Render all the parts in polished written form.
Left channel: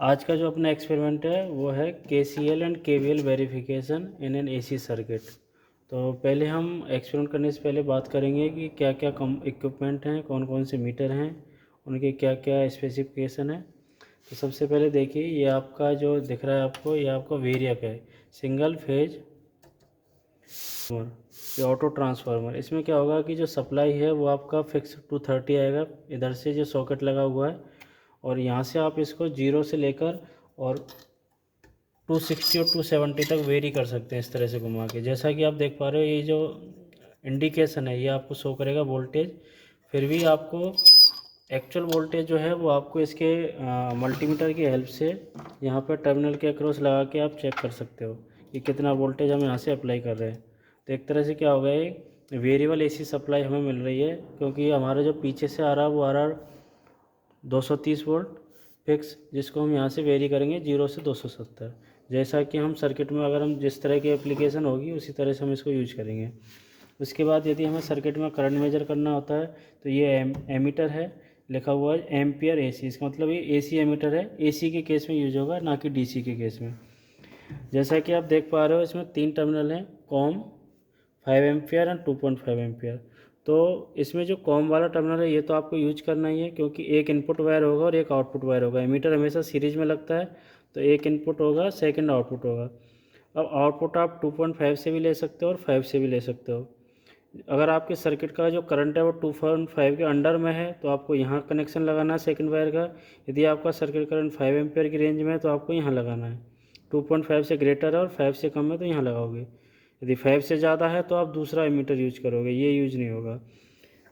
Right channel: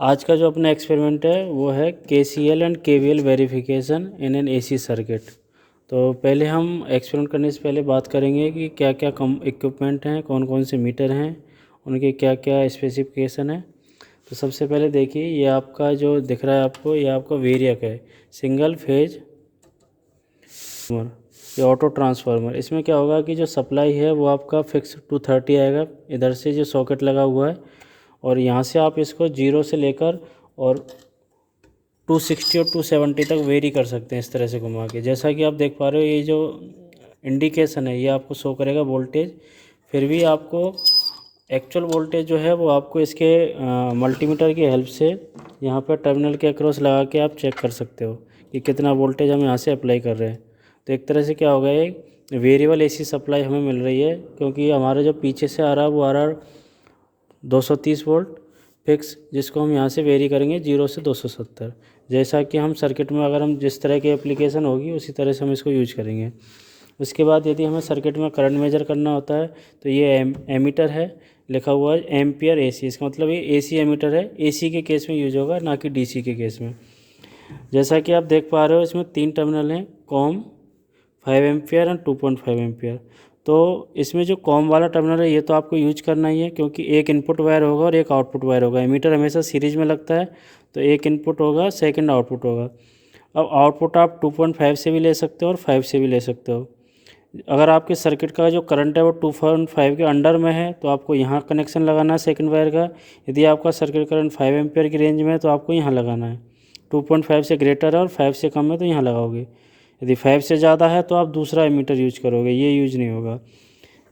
आज का जो अपना एक्सपेरिमेंट है वो है KCL and KVL verification in an AC circuit. तो पहले हम एक्सपेरिमेंट करने से पहले बात करेंगे कि क्या क्या कम इक्विपमेंट हैं, कौन कौन से मीटर हैं, उनके क्या क्या स्पेसिफिकेशन है। तो सबसे पहले देखिए, ये आपका जो दिख रहा है आपको, ये आपका वेरियक है, सिंगल फेज ये ऑटो ट्रांसफार्मर। इसमें क्या होगा कि जो सप्लाई है वो आपका फिक्स 230 आएगा, इधर से जो सॉकेट लगा हुआ है, और यहाँ से आप इसको 0 से लेकर और 260 और 270 तक वेरी कर सकते हैं इस तरह से घुमा के। जैसा कि आप देख पा रहे हो, ये जो इंडिकेशन है ये आपको शो करेगा वोल्टेज। फिर भी आपको एक्चुअल वोल्टेज जो है वो आपको इसके मल्टीमीटर की हेल्प से यहाँ पर टर्मिनल के अक्रॉस लगा के आप चेक कर सकते हो कि कितना वोल्टेज हम यहाँ से अप्लाई कर रहे हैं। तो एक तरह से क्या होगा, ये वेरिएबल AC सप्लाई हमें मिल रही है, क्योंकि हमारा जो पीछे से आ रहा है वो आ रहा है 230 वोल्ट फिक्स, जिसको हम यहाँ से वेरी करेंगे 0 से 270। जैसा कि हम सर्किट में अगर हम जिस तरह की एप्लीकेशन होगी उसी तरह से हम इसको यूज करेंगे। उसके बाद यदि हमें सर्किट में करंट मेजर करना होता है तो ये एमीटर है, लिखा हुआ है एम्पियर AC। इसका मतलब ये AC एमीटर है, AC के केस में यूज होगा, ना कि DC के केस में। जैसा कि आप देख पा रहे हो, इसमें 3 टर्मिनल हैं, कॉम, 5 एम्पियर एंड 2.5 एम्पियर। तो इसमें जो कॉम वाला टर्मिनल है ये तो आपको यूज करना ही है, क्योंकि एक इनपुट वायर होगा और एक आउटपुट वायर होगा। एमीटर हमेशा सीरीज में लगता है, तो एक इनपुट होगा, सेकंड आउटपुट होगा। अब आउटपुट आप 2.5 से भी ले सकते हो और 5 से भी ले सकते हो। अगर आपके सर्किट का जो करंट है वो 2.5 के अंडर में है तो आपको यहाँ कनेक्शन लगाना है सेकंड वायर का। यदि आपका सर्किट करंट 5 एम्पियर की रेंज में है तो आपको यहाँ लगाना है। 2.5 से ग्रेटर है और 5 से कम है तो यहाँ लगाओगे। यदि 5 से ज़्यादा है तो आप दूसरा एमीटर यूज करोगे, ये यूज नहीं होगा।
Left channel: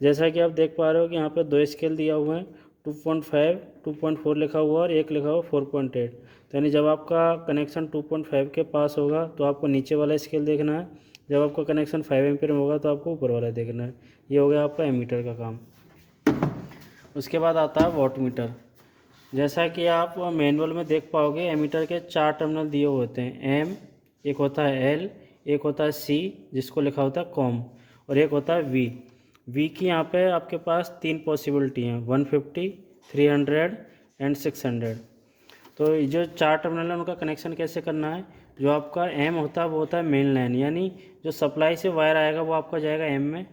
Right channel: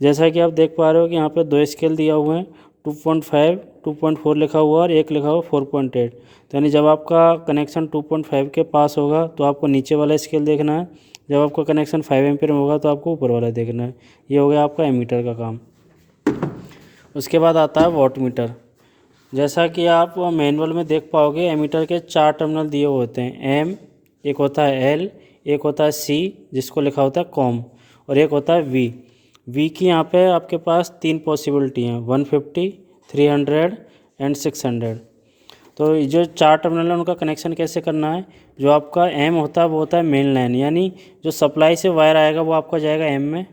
जैसा कि आप देख पा रहे हो कि यहाँ पे 2 स्केल दिया हुए हैं, 2.5, 2.4 लिखा हुआ और एक लिखा हुआ 4.8। तो यानी जब आपका कनेक्शन 2.5 के पास होगा तो आपको नीचे वाला स्केल देखना है, जब आपका कनेक्शन 5 एम्पियर में होगा तो आपको ऊपर वाला देखना है। ये हो गया आपका एमीटर का काम। उसके बाद आता है वॉट मीटर। जैसा कि आप मैनुअल में देख पाओगे, एमीटर के 4 टर्मिनल दिए हुए होते हैं, M, एक होता है L, एक होता है C जिसको लिखा होता है कॉम, और एक होता है V की यहाँ पे आपके पास 3 पॉसिबिलिटी हैं, 150, 300 एंड 600। तो ये जो 4 टर्मिनल है उनका कनेक्शन कैसे करना है, जो आपका M होता है वो होता है मेन लाइन, यानी जो सप्लाई से वायर आएगा वो आपका जाएगा M में।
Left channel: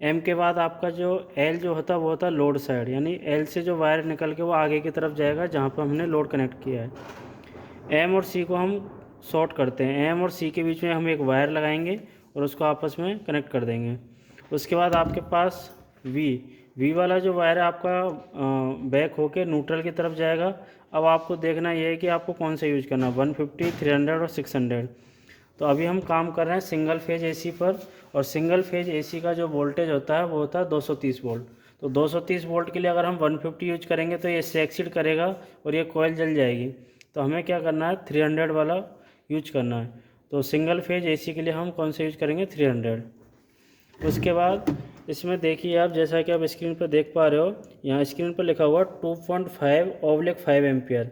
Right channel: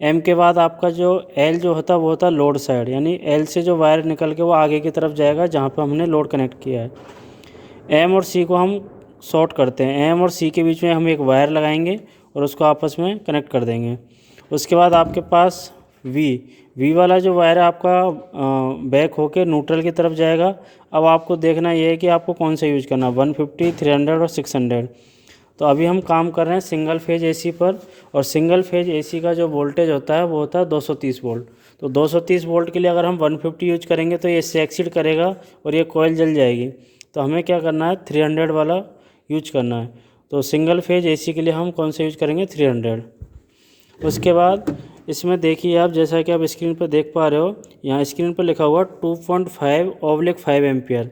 M के बाद आपका जो L जो होता है वो होता है लोड साइड, यानी L से जो वायर निकल के वो आगे की तरफ जाएगा जहाँ पर हमने लोड कनेक्ट किया है। M और C को हम शॉर्ट करते हैं, M और C के बीच में हम एक वायर लगाएंगे और उसको आपस में कनेक्ट कर देंगे। उसके बाद आपके पास V वाला जो वायर है आपका बैक होके न्यूट्रल की तरफ जाएगा। अब आपको देखना ये है कि आपको कौन सा यूज करना है, 150, 300 और 600। तो अभी हम काम कर रहे हैं सिंगल फेज AC पर, और सिंगल फेज AC का जो वोल्टेज होता है वो होता है 230 वोल्ट। तो 230 वोल्ट के लिए अगर हम 150 यूज करेंगे तो ये इससे एक्सीड करेगा और ये कॉइल जल जाएगी। तो हमें क्या करना है, 300 वाला यूज करना है। तो सिंगल फेज AC के लिए हम कौन सा यूज करेंगे, 300। उसके बाद इसमें देखिए आप, जैसा कि आप स्क्रीन पर देख पा रहे हो, यहाँ स्क्रीन पर लिखा हुआ 2.5/5 एम्पियर।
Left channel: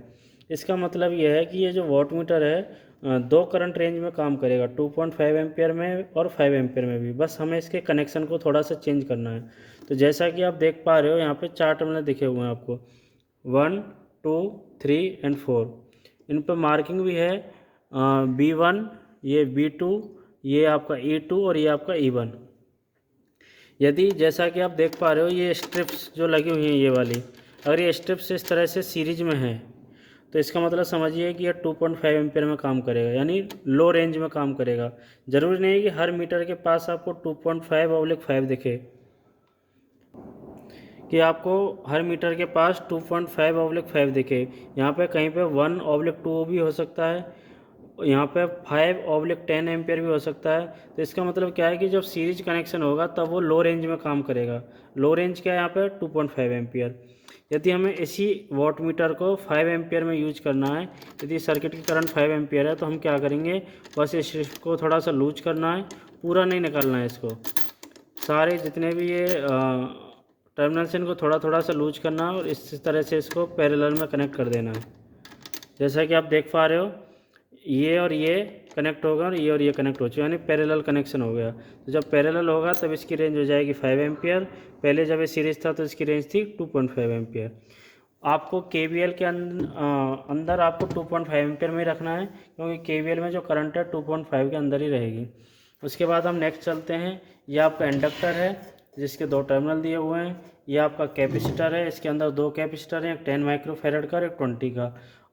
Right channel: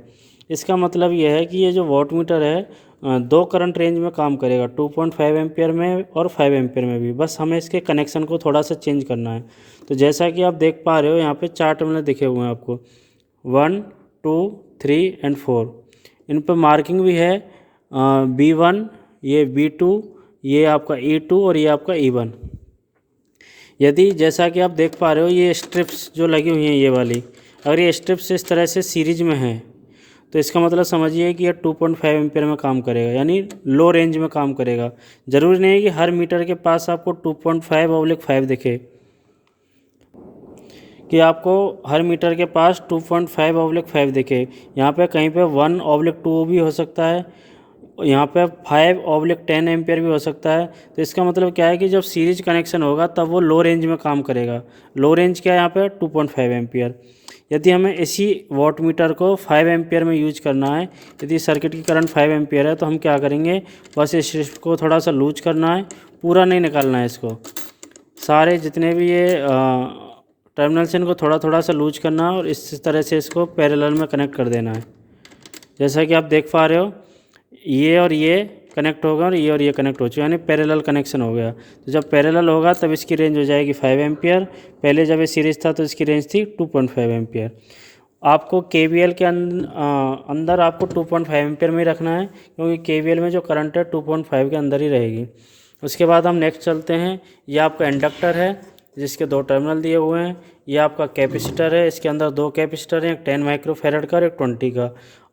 इसका मतलब यह है कि ये जो वॉट मीटर है 2 करंट रेंज में काम करेगा, 2.5 एम्पियर में और 5 एम्पियर में भी। बस हमें इसके कनेक्शन को थोड़ा सा चेंज करना है। तो जैसा कि आप देख पा रहे हो यहाँ पे 4 टर्मिनल दिखे हुए हैं आपको, 1, 2, 3 एंड 4। इन पर मार्किंग भी है, B1, ये B2, ये आपका E2 और ये आपका E1। यदि जैसा कि आप देख पा रहे हो ये स्ट्रिप्स जो लगी हुई हैं ये वाली, अगर ये स्ट्रिप्स इस तरह से सीरीज में है तो इसका मतलब समझिए कि ये 2.5 एम्पियर में काम करेगा, यानी लो रेंज में काम करेगा। ज़रूरी नहीं है कि हर मीटर के पास आपको 2.5/5 दिखे, कि आपको हर मीटर के पास 2.5/5 दिखे। यहाँ पे कहीं पे 1/2 भी हो सकता है, यहाँ पे 5/10 एम्पियर भी हो सकता है। तो इसका मतलब क्या है कि जब सीरीज कनेक्शन होगा तब वो लो रेंज में काम करेगा। लो रेंज क्या है यहाँ पे, 2.5 एम्पियर। यदि हमें इसी वॉट मीटर को 5 एम्पियर में यूज करना है, यदि सर्किट की करंट 5 एम्पियर है तो हम क्या करेंगे, बस इस स्ट्रिप को थोड़ा सा लूज करना है, पूरा नहीं निकालना है इसको। सारे जितने भी ये टर्मिनल से इनको थोड़ा थोड़ा सा लूज करना है और इस तरह से इसको पैरेलल में कनेक्ट कर देना है। जैसा कि आप देख पा रहे हो ये और ये कनेक्ट होगा और ये कनेक्ट हो चुका है, यानी पैरेलल कनेक्शन हो गया। तो जब पैरेलल होगा तब इसकी रेंज हो जाएगी 5 एम्पियर। पहले जब ये सीरीज था तो इसकी रेंज थी 2.5 एम्पियर। आपको केवीएल के अंदर आपको 2.5 एम्पियर में रखना है, क्योंकि केवीएल में जो करंट है 2.5 के अंदर ही रहेगी। उसके बाद हम नेक्स्ट चलते हैं। ये आपका इंडक्टर है जिसके 2 टर्मिनल दिए हुए हैं। ये आपका कैपेसिटर है, इसके अंदर 2 कैपेसिटर हैं, एक 10 माइक्रोफैरड का और एक 20 का।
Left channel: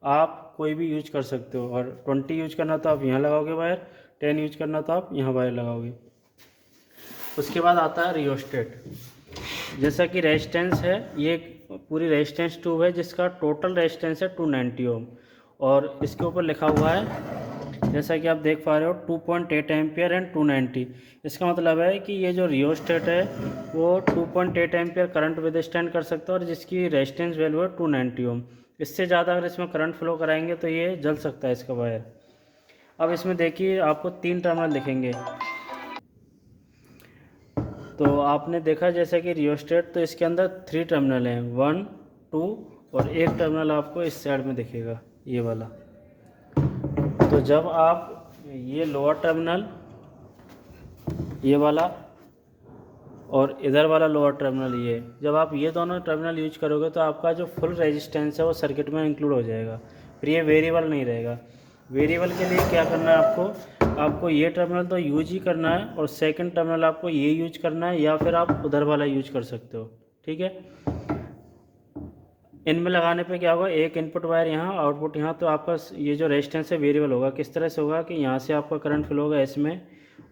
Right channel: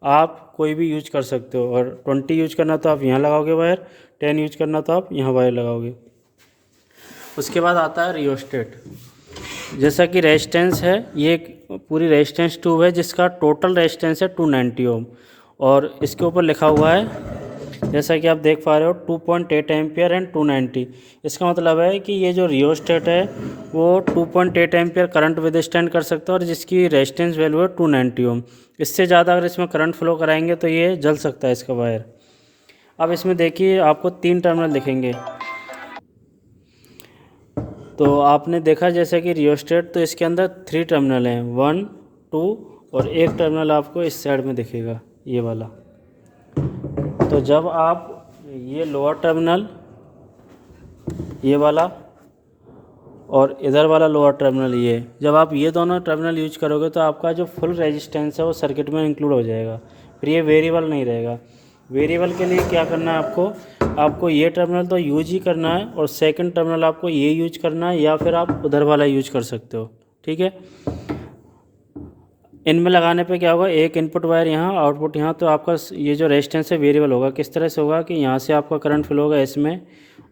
आप कोई भी यूज कर सकते हो, और 20 यूज करना तो आप यहाँ लगाओगे वायर, 10 यूज करना तो आप यहाँ वायर लगाओगे। उसके बाद आता है रियोस्टेट। जैसा कि रेजिस्टेंस है, ये एक पूरी रेजिस्टेंस ट्यूब है जिसका टोटल रेजिस्टेंस है 290 ओम, और इसके ऊपर लिखा हुआ है जैसा कि आप देख पा रहे हो 2.8 एम्पियर एंड 290। इसका मतलब है कि ये जो रियोस्टेट है वो 2.8 एम्पियर करंट विदस्टैंड कर सकता है, और जिसकी रेजिस्टेंस वैल्यू है 290 ओम। इससे ज़्यादा अगर इसमें करंट फ्लो कराएंगे तो ये जल सकता है इसका वायर। अब इसमें देखिए आपको 3 टर्मिनल दिखेंगे। तो आपने देखा जैसे कि रियोस्टेट, तो इसके अंदर 3 टर्मिनल हैं, 1, 2 और एक टर्मिनल आपको इस साइड में दिखेगा, ये वाला। तो जब आप ये लोअर टर्मिनल, ये वाला और इधर वाला लोअर टर्मिनल, ये जब आप ये दोनों टर्मिनल यूज करोगे तो आपका जो फुल रेजिस्टेंस है वो सर्किट में इंक्लूड हो जाएगा, फिर ये वेरिएबल नहीं रहेगा। वेरिएबल के लिए क्या करना है आपको ये टर्मिनल तो यूज ही करना है, और सेकंड टर्मिनल आपको ये यूज करना है, या फिर आप उधर वाला यूज कर सकते हो, ठीक है। इनमें लगाने पे क्या होगा, एक इनपुट वायर यहाँ, आउटपुट यहाँ, तो आपका ये जो रेजिस्टेंस है वेरिएबल होगा। किस तरह से होगा कि यहाँ से आपका करंट फ्लो होगा इसमें,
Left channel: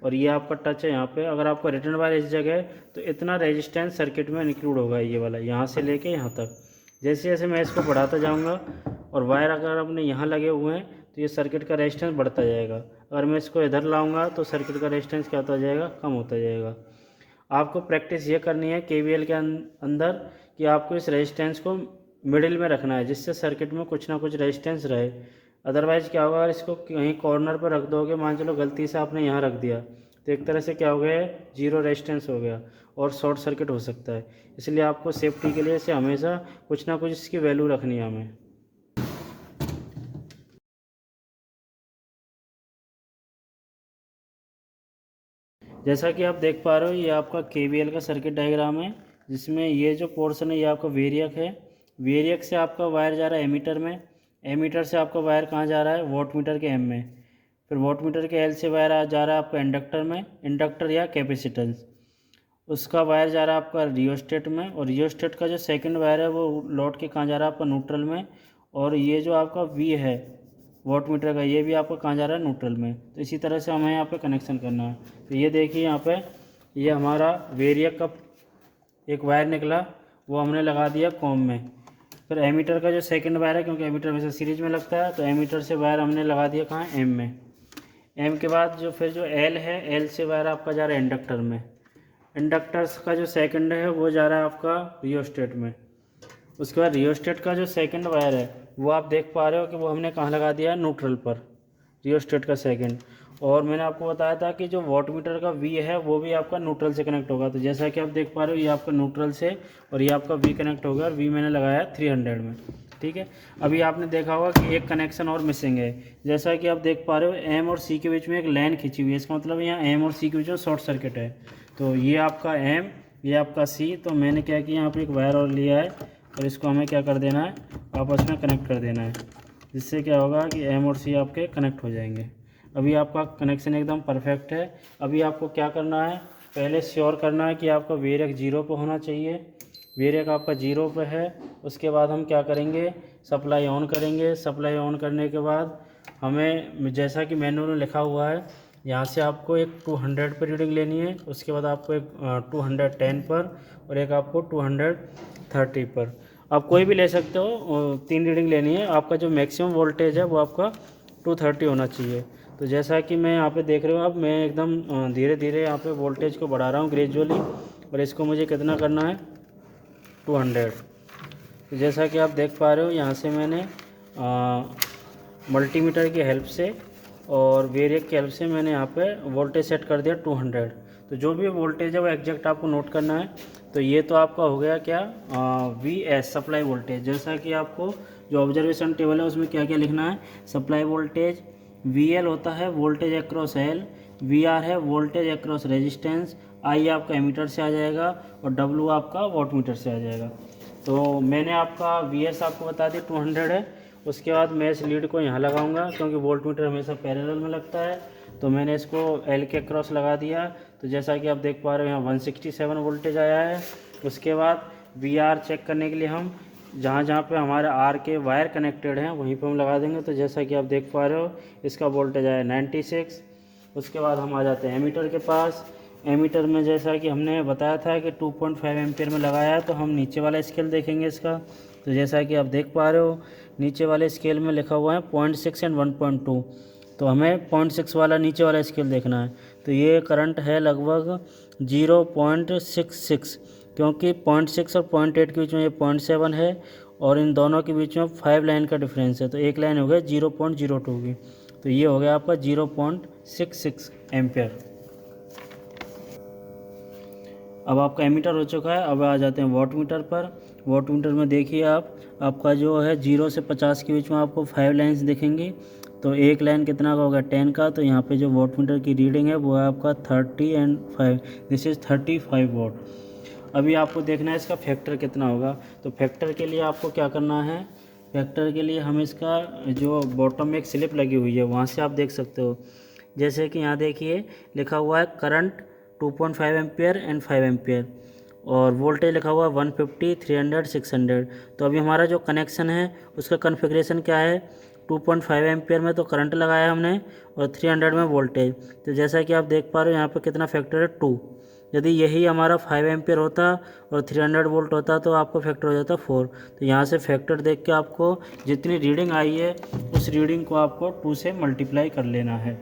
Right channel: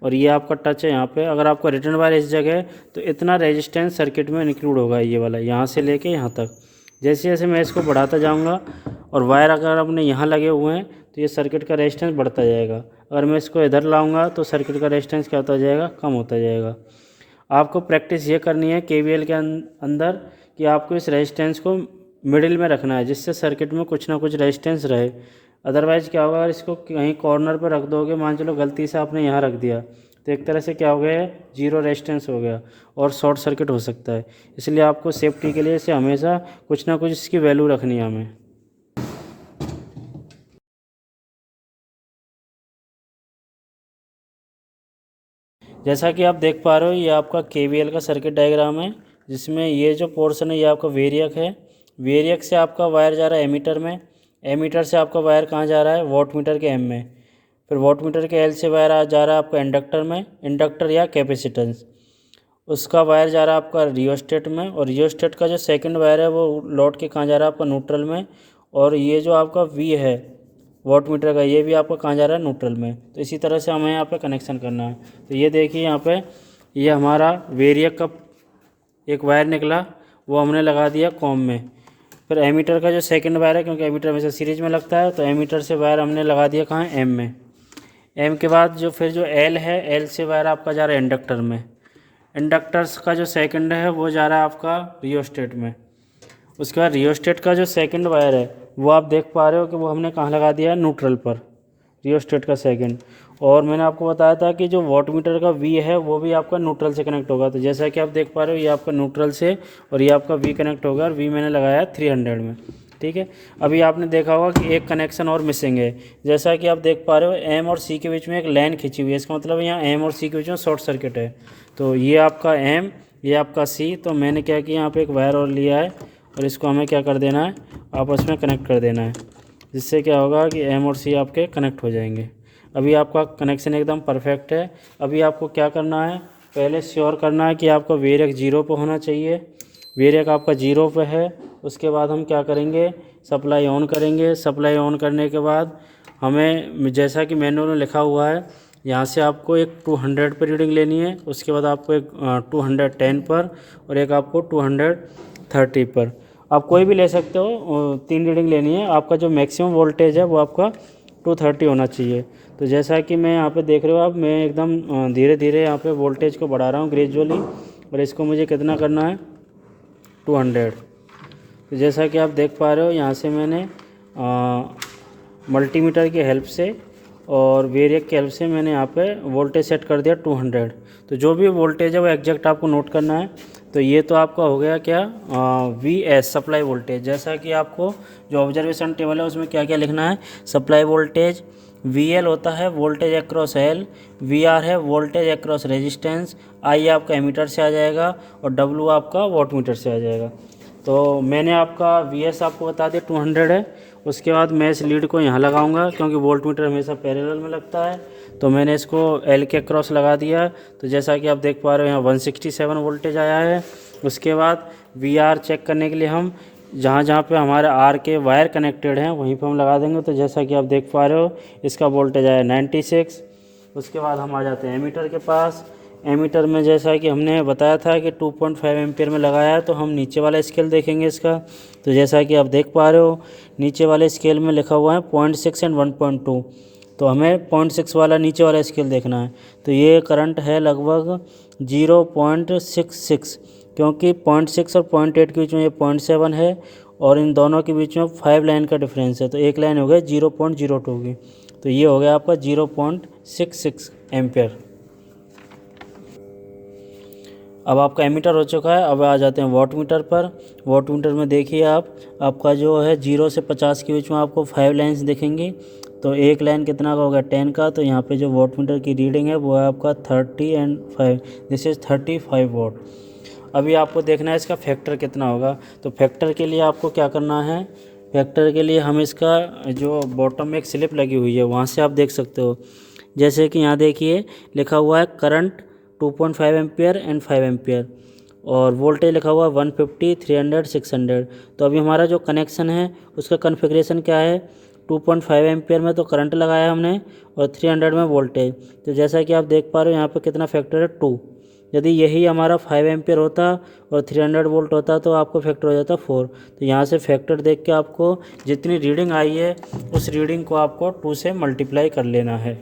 और ये आपका टच है यहाँ पे। अगर आपका रिटर्न वायर इस जगह है तो इतना रेजिस्टेंस सर्किट में इंक्लूड होगा, ये वाला यहाँ से लेके यहाँ तक। जैसे जैसे मैं इसको बढ़ाता जाऊँगा, और वायर अगर अपने यहाँ लगे हुए हैं तो ये सर्किट का रेजिस्टेंस बढ़ता जाएगा। अगर मैं इसको इधर लाऊँगा तो सर्किट का रेजिस्टेंस क्या होता जाएगा, कम होता जाएगा। आपको प्रैक्टिस ये करनी है केवीएल के अंदर कि आपको इस रेजिस्टेंस को मिडिल में रखना है, जिससे सर्किट में कुछ ना कुछ रेजिस्टेंस रहे। अदरवाइज़ क्या होगा, अगर इसको कहीं कॉर्नर पर रख दोगे, मान चलो गलती से आपने यहाँ रख दिया, तो एक तरह से क्या हो गया, जीरो रेजिस्टेंस हो गया और शॉर्ट सर्किट हो सकता है। इसलिए आपको सेफ्टी के लिए इसे हमेशा कुछ ना कुछ इसकी वैल्यू रखनी है हमें। जैसा कि आप देख पा रहे हो, ये आपका केवीएल का सर्किट डायग्राम है, जिसमें ये जो पोर्शन है ये आपका वेरियक है। वेरियक से आपका वायर जा रहा है एमीटर में, एमीटर से आपका वायर कहाँ जा रहा है, वोट मीटर के एम में, फिर वोट मीटर के एल से वायर जा रहा है आपका इंडक्टर में, इंडक्टर या कैपेसिटेंस, उसका वायर जा रहा है आपका रियोस्टेट में, और रियोस्टेट का जो सेकंड वायर है वो लौट के कहाँ जा रहा है आपका न्यूट्रल में, और ये जो आपका वी है वोट मीटर का, ये भी आपका कहाँ जा रहा है, न्यूट्रल में। तो इसी तरह से हमें यहाँ पे कनेक्शन करना है। तो ये देखिए यहाँ पे ये हमारा वेरियक का एक वायर निकला, वो हमने लगा दिया कॉम में। फिर एमीटर का जो सेकंड वायर है, क्योंकि एमीटर हमेशा सीरीज में लगता है, तो एमीटर से वायर हमने लगा दिया कहाँ, एम में। एम के बाद जो फिर जो एल है, एल से वायर आपका जा रहा है इंडक्टर में। इंडक्टर्स का जो सेकंड है वो जा रहा है आपका रियोस्टेट में। उसके बाद रियोस्टेट का जो सेकंड वायर है वो आप देख पा रहे हो कि वो हमने कहाँ लगा दिया है, न्यूट्रल पर, रियोस्टेट का सेकंड। और मैंने आपको बताया था कि जो वॉट मीटर का वी है वो भी आपका न्यूट्रल से कनेक्ट होगा। तो जैसा कि आप देख पा रहे हो, ये आपका न्यूट्रल से और ये आपका वी कनेक्ट होगा, और वी मैंने लगाया है 300 में, ठीक है। अभी आपने देखा होगा कि एक कनेक्शन और मिसिंग है। जैसा कि आप देख पा रहे हो, एम और सी के बीच में एक लाइन खींची हुई है, इसका मतलब यहाँ एम और सी के बीच में शॉर्ट सर्किट है। तो ये आपका एम, ये आपका सी। तो मैंने क्या किया, यहाँ पर एक वायर और लिया है, और इसको हमें क्या कर देना है, आपस में कनेक्ट कर देना है, जिससे क्या होगा कि एम और सी आपके कनेक्ट हो जाएंगे। अभी आपका कनेक्शन एकदम परफेक्ट है। अभी आपको क्या करना है, पहले श्योर करना है कि आपका वेरियक 0 पे होना चाहिए। वेरियक आपका 0 पे है। उसके बाद हम क्या करेंगे, सप्लाई ऑन करेंगे। सप्लाई ऑन करने के बाद हमें, जैसा कि मैनुअल में लिखा हुआ है, यहाँ से आपको एक 200 पर रीडिंग लेनी है, उसके बाद आपको एक 210 पर, और एक आपको 230 पर। आप कोई भी ले सकते हो, 3 रीडिंग लेनी है। आपका जो मैक्सिमम वोल्टेज है वो आपका 230 होना चाहिए। तो जैसा कि मैं यहाँ पे देख रहे हो, अब मैं एकदम धीरे धीरे यहाँ पे वोल्टेज को बढ़ा रहा हूँ ग्रेजुअली, और इसको मुझे कितना करना है, 200। तो जैसा कि आप देख पा रहे हो, यहाँ से मैंने मल्टीमीटर की हेल्प से और वेरियक की हेल्प से मैंने यहाँ पे वोल्टेज सेट कर दिया 200। तो जो भी वोल्टेज है वो एग्जैक्ट आपको नोट करना है। तो ये तो आपका हो गया क्या, वी एस सप्लाई वोल्टेज। जैसा कि आपको जो ऑब्जर्वेशन टेबल है उसमें क्या क्या लिखना है, सप्लाई वोल्टेज, वी एल होता है voltage across L, V R है वोल्टेज अक्रॉस रेजिस्टेंस, आई आपका एमीटर से आ जाएगा, और डब्ल्यू आपका वॉट मीटर से आ जाएगा। तो मैंने आपका VS आपको बता दिया 200 है। उसके बाद मैं इस लीड को यहाँ लगाऊंगा, क्योंकि वोल्ट मीटर हमेशा पैरेलल में लगता है। तो मैंने इसको L के क्रॉस लगा दिया। तो जैसा कि आप देख पा रहे हो यहाँ 167 वोल्टेज आया है। उसके बाद VR चेक करने के लिए हम जहाँ जहाँ पे हमारे R के वायर कनेक्टेड हैं वहीं पे हम लगा देंगे। तो जैसा कि आप देख पा रहे हो इसका वोल्टेज आया 96। उसके बाद हम आ जाते हैं एमीटर के पास। एमीटर में जैसा कि हमने बताया था कि 2.5 एम्पियर में लगाया है, तो हम नीचे वाला स्केल देखेंगे इसका। तो जैसा कि आप देख पा रहे हो नीचे वाले स्केल में लिखा हुआ है 0.6 एंड 1.2। तो हमें 0.6 वाला नीचे वाला स्केल देखना है। तो ये करंट है लगभग 0.66, क्योंकि 0.6 और 0.8 के बीच में ये 0.7 है, और इन दोनों के बीच में 5 लाइन का डिफरेंस है। तो एक लाइन हो गया 0.02 की। तो ये हो गया आपका 0.66 एम्पियर। अब आपका एमीटर हो चुका है। अब आ जाते हैं वॉट मीटर पर। वॉट मीटर में देखिए आपका जो है 0 से 50 के बीच में आपको 5 लाइन्स दिखेंगी। तो एक लाइन कितना का होगा 10 का। तो यहाँ पे जो वॉट मीटर की रीडिंग है वो है आपका 30 एंड 5, दिस इज़ 35 वॉट। अभी आपको देखना है इसका फैक्टर कितना होगा। तो फैक्टर के लिए आपको क्या करना है, फैक्टर के लिए हम इसका जो बॉटम में एक स्लिप लगी हुई है वहाँ से आप देख सकते हो। जैसे कि यहाँ देखिए लिखा हुआ है करंट 2.5 एम्पियर एंड 5 एम्पियर, और वोल्टेज लिखा हुआ है 150, 300, 600। तो अभी हमारा जो कनेक्शन है उसका कन्फिग्रेशन क्या है, 2.5 एम्पियर में तो करंट लगाया हमने और 300 में वोल्टेज। तो जैसा कि आप देख पा रहे हो यहाँ पे कितना फैक्टर है 2। यदि यही हमारा 5 एम्पियर होता और 300 वोल्ट होता तो आपको फैक्टर हो जाता 4। तो यहाँ से फैक्टर देख के आपको जितनी रीडिंग आई है उस रीडिंग को आपको 2 से मल्टीप्लाई कर लेना है।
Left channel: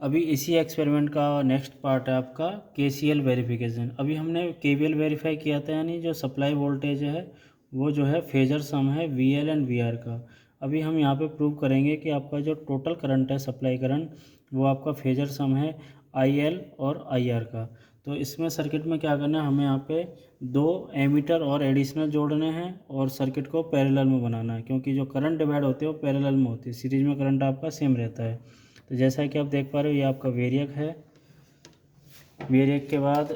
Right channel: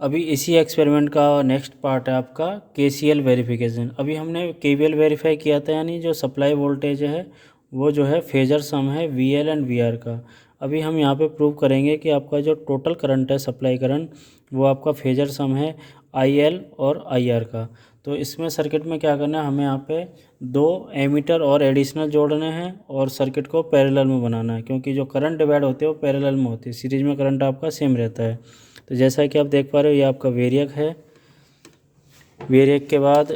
अभी इसी एक्सपेरिमेंट का नेक्स्ट पार्ट है आपका KCL वेरिफिकेशन। अभी हमने KVL वेरीफाई किया था, यानी जो सप्लाई वोल्टेज है वो जो है फेजर सम है VL एंड VR का। अभी हम यहाँ पे प्रूव करेंगे कि आपका जो टोटल करंट है सप्लाई करंट वो आपका फेजर सम है IL और IR का। तो इसमें सर्किट में क्या करना है, हमें यहाँ पे 2 एमीटर और एडिशनल जोड़ने हैं और सर्किट को पैरेलल में बनाना है, क्योंकि जो करंट डिवाइड होते हैं वो पैरेलल में होती है, सीरीज में करंट आपका सेम रहता है। तो जैसा कि आप देख पा रहे हो ये आपका वेरिएक है। वेरिएक के बाद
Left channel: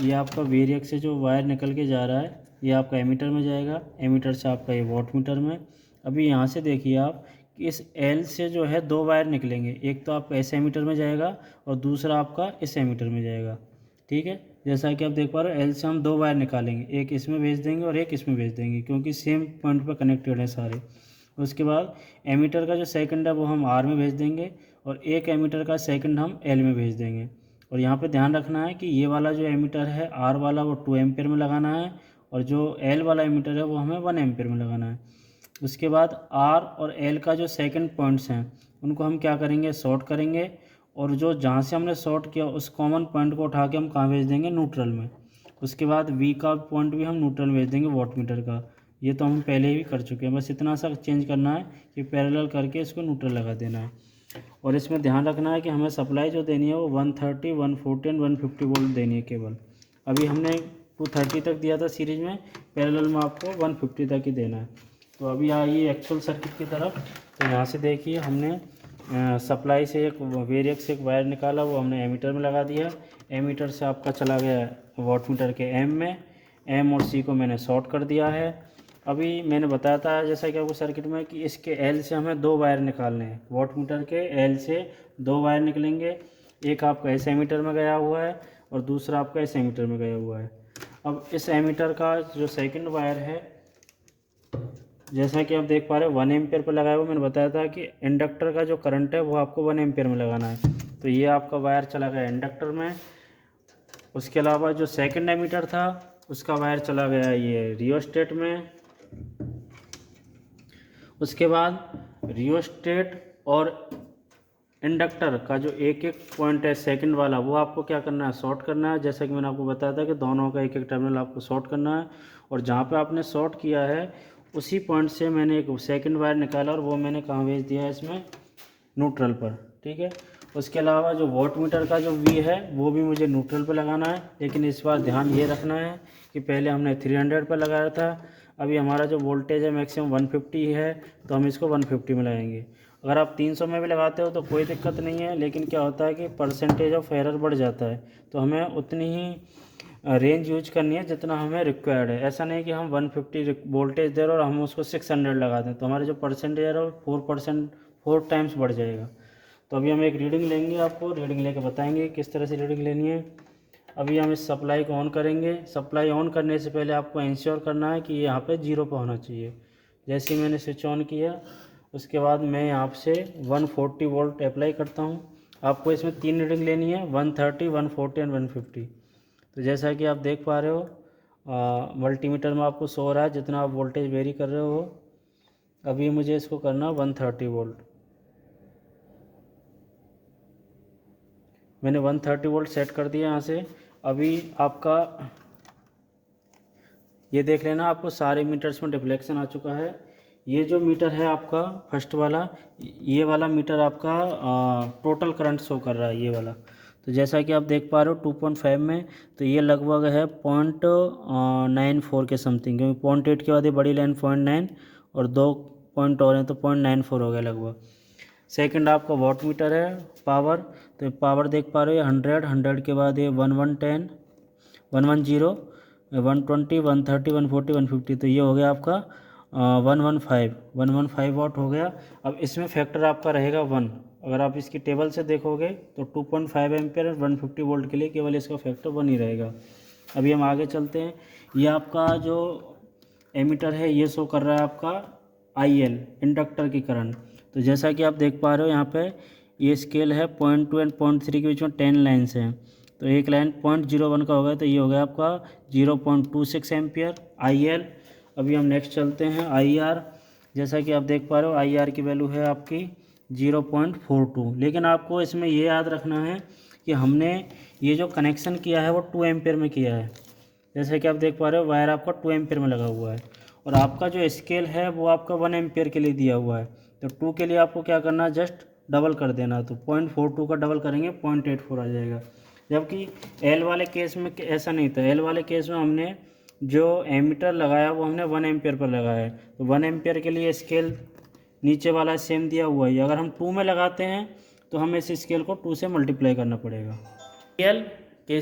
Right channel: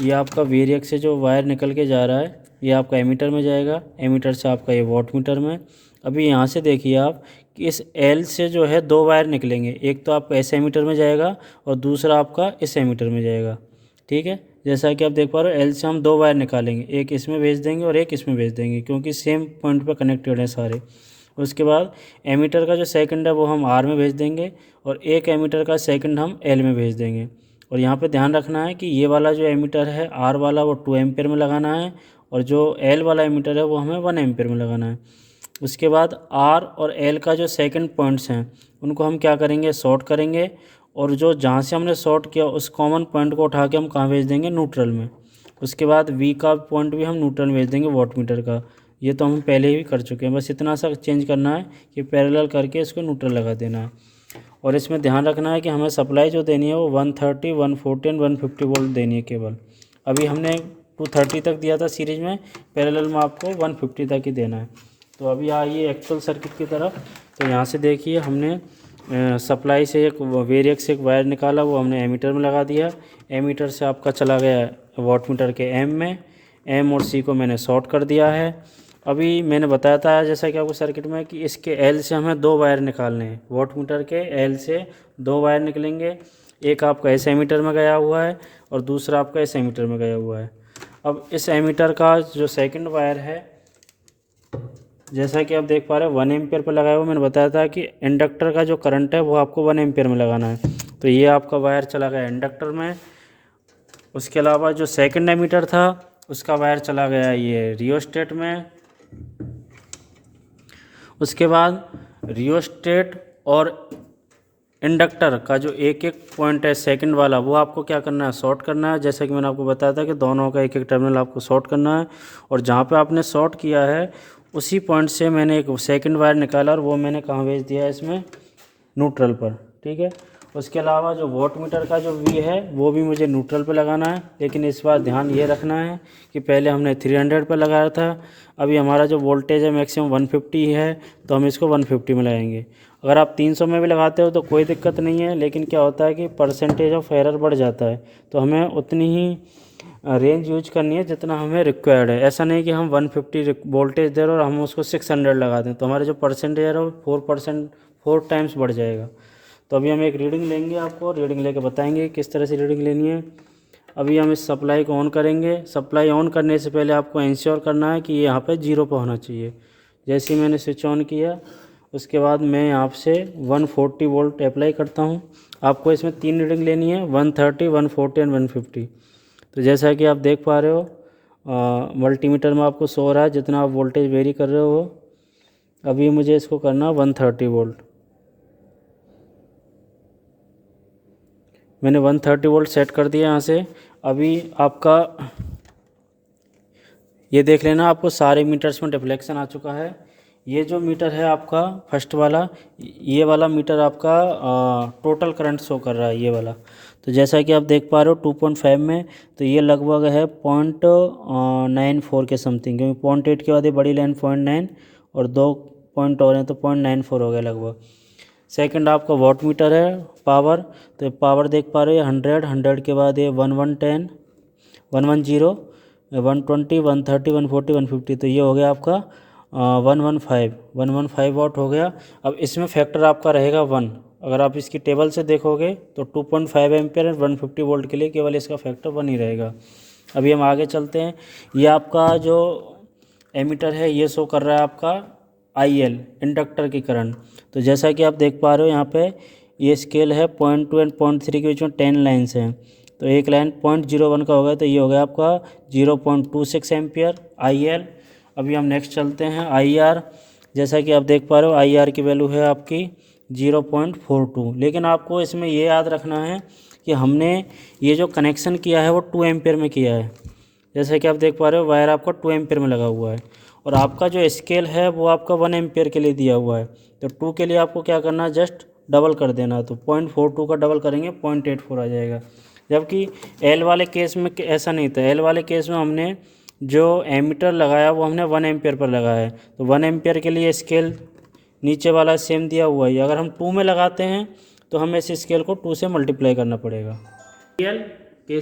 ये आपका वेरिएक से जो वायर निकल के जा रहा है ये आपका एमीटर में जाएगा, एमीटर से आपका ये वॉट मीटर में। अभी यहाँ से देखिए आप कि इस L से जो है 2 वायर निकलेंगे, एक तो आपका इस एमीटर में जाएगा और दूसरा आपका इस एमीटर में जाएगा। ठीक है, जैसा कि आप देख पा रहे हो L से हम 2 वायर निकालेंगे, एक इसमें भेज देंगे और एक इसमें भेज देंगे, क्योंकि सेम पॉइंट पर कनेक्टेड है सारे। उसके बाद एमीटर का जो सेकंड है वो हम R में भेज देंगे और एक एमीटर का सेकंड हम L में भेज देंगे। और यहाँ पे ध्यान रखना है कि ये वाला जो एमीटर है R वाला वो 2 एम्पियर में लगाना है, और जो L वाला एमीटर है वो हमें 1 एम्पियर में लगाना है। उसके बाद R और L का जो सेकंड पॉइंट्स हैं उनको हम क्या करेंगे, शॉर्ट करेंगे, और जो जहाँ से हमने शॉर्ट किया उस कॉमन पॉइंट को उठा के हम कहाँ भेज देंगे, न्यूट्रल में। उसके बाद V का पॉइंट भी हम न्यूट्रल में भेज देंगे वॉट मीटर का। ये तो हम पहले ही कर चुके हैं, बस इतना सा चेंज करना है कि पैरेलल करके इसको न्यूट्रल लगा देना है। और इसमें ध्यान रखना है कि हमें सप्लाई जो देनी है वो 130, 140 एंड 150 वोल्ट देनी है केवल। अभी हमने 230 तक दिया था सीरीज में, पैरेलल में आपको 150 तक ही देना है। तो अभी आइए एक्चुअल सर्किट की तरफ। तो यहाँ से देखिए हमने सप्लाई से एक वेरिएक से एक वायर निकाला, वो हमने एमीटर में लगा दिया। एमीटर से आपका चला गया वॉट मीटर के M में, M और C को मैंने शॉर्ट कर दिया है। अभी मैंने बताया था जैसा कि आपको सर्किट में कि इसके L से हमें 2 वायर निकालने हैं, वॉट मीटर के L से 2 वायर निकलेंगे, एक आपका इस एमीटर में गया हुआ है और दूसरा आपका इस एमीटर में गया हुआ है। अब इस एमीटर का जो सेकंड वायर है जैसा कि आप देख पा रहे हैं 1 एम्पियर पर लगाया हुआ। मैंने बताया था कि इंडक्टर का जो करंट है वो आपको 1 एम्पियर में लगाना है। तो ये आपका वायर चला गया इंडक्टर में। उसके अलावा जो सेकंड एमीटर था उसका वायर चला गया ये रियोस्टेट में। उसके बाद रियोस्टेट और इंडक्टर का जो एक एक पॉइंट है सेकंड वाला वो आपको क्या करना है, शॉर्ट करना है। जैसा कि मैंने आपको बताया था कि दोनों का एक एक टर्मिनल आपको शॉर्ट करना है, और जहाँ पे आपने शॉर्ट किया है उसी पॉइंट से मैंने एक सेकंड वायर निकाला और वो मैंने कहाँ भेज दिया है, इसमें न्यूट्रल पर। ठीक है, उसके अलावा जो वॉट मीटर का जो V है वो भी मुझे न्यूट्रल पे लगाना है, लेकिन इस बार ध्यान ये रखना है कि पहले हमने 300 पे लगाया था, अभी हमारा जो वोल्टेज है मैक्सिमम 150 है, तो हम इसको 150 में लगाएंगे। अगर आप 300 में भी लगाते हो तो कोई दिक्कत नहीं है, लेकिन क्या होता है कि परसेंटेज ऑफ एरर बढ़ जाता है, तो हमें उतनी ही रेंज यूज करनी है जितना हमें रिक्वायर्ड है। ऐसा नहीं कि हम 150 वोल्टेज दे रहे और हम उसको 600 लगा दें, तो हमारे जो परसेंटेज है वो 4 टाइम्स बढ़ जाएगा। तो अभी हम एक रीडिंग लेंगे, आपको रीडिंग लेके बताएंगे किस तरह से रीडिंग लेनी है। अभी हम इस सप्लाई को ऑन करेंगे। सप्लाई ऑन करने से पहले आपको इंश्योर करना है कि ये यहाँ पे 0 पे होना चाहिए। जैसे ही मैंने स्विच ऑन किया उसके बाद मैं यहाँ से 140 वोल्ट अप्लाई करता हूँ। आपको इसमें 3 रीडिंग लेनी है, 130, 140 एंड 150। तो जैसा कि आप देख पा रहे हो मल्टीमीटर में आपको शो हो रहा है जितना आप वोल्टेज वेरी कर रहे हो वो। अभी मुझे इसको करना 130 वोल्ट। मैंने 130 वोल्ट सेट कर दिया यहाँ से। अभी आपका ये देख लेना, आपको सारे मीटर्स में डिफ्लेक्शन आ चुका है। ये जो मीटर है आपका फर्स्ट वाला, ये वाला मीटर आपका टोटल करंट शो कर रहा है, ये वाला। तो जैसा कि आप देख पा रहे हो 2.5 में, तो ये लगभग है 0.94 के समथिंग, क्योंकि 0.8 के बाद ये बड़ी लाइन 0.9 और 2 पॉइंट और हैं तो 0.94 हो गया लगभग। सेकंड आपका वॉट मीटर है पावर, तो पावर देख पा रहे हो 100 के बाद ये 1110, 110, 120, 130, 140, 150, तो ये हो गया आपका 115 वाट हो गया। अब इसमें फैक्टर आपका रहेगा 1। अगर आप इसकी टेबल से देखोगे तो 2.5 एम्पियर और 150 वोल्ट के लिए केवल इसका फैक्टर 1 ही रहेगा। अभी हम आगे चलते हैं। ये आपका जो एमीटर है ये शो कर रहा है आपका IL, इंडक्टर की करंट। तो जैसा कि आप देख पा रहे हो यहाँ पे ये स्केल है 0.2 और 0.3 के बीच में 10 लाइन्स हैं। तो एक लाइन 0.01 का हो गया, तो ये हो गया आपका 0.26 एम्पियर IL। अभी हम नेक्स्ट चलते हैं IR। जैसा कि आप देख पा रहे हो IR की वैल्यू है आपकी 0.42। लेकिन आपको इसमें ये याद रखना है कि हमने ये जो कनेक्शन किया है वो 2 एम्पियर में किया है। जैसे कि आप देख पा रहे हो वायर आपका 2 एम्पियर में लगा हुआ है और आपका जो स्केल है वो आपका 1 एम्पियर के लिए दिया हुआ है। तो 2 के लिए आपको क्या करना है, जस्ट डबल कर देना है। तो 0.42 का डबल करेंगे 0.84 आ जाएगा। जबकि L वाले केस में ऐसा नहीं था। L वाले केस में हमने जो एमीटर लगाया वो हमने 1 एम्पियर पर लगाया है। तो 1 एम्पियर के लिए स्केल नीचे वाला सेम दिया हुआ है। अगर हम 2 में लगाते हैं तो हमें इस स्केल को 2 से मल्टीप्लाई करना पड़ेगा। KCL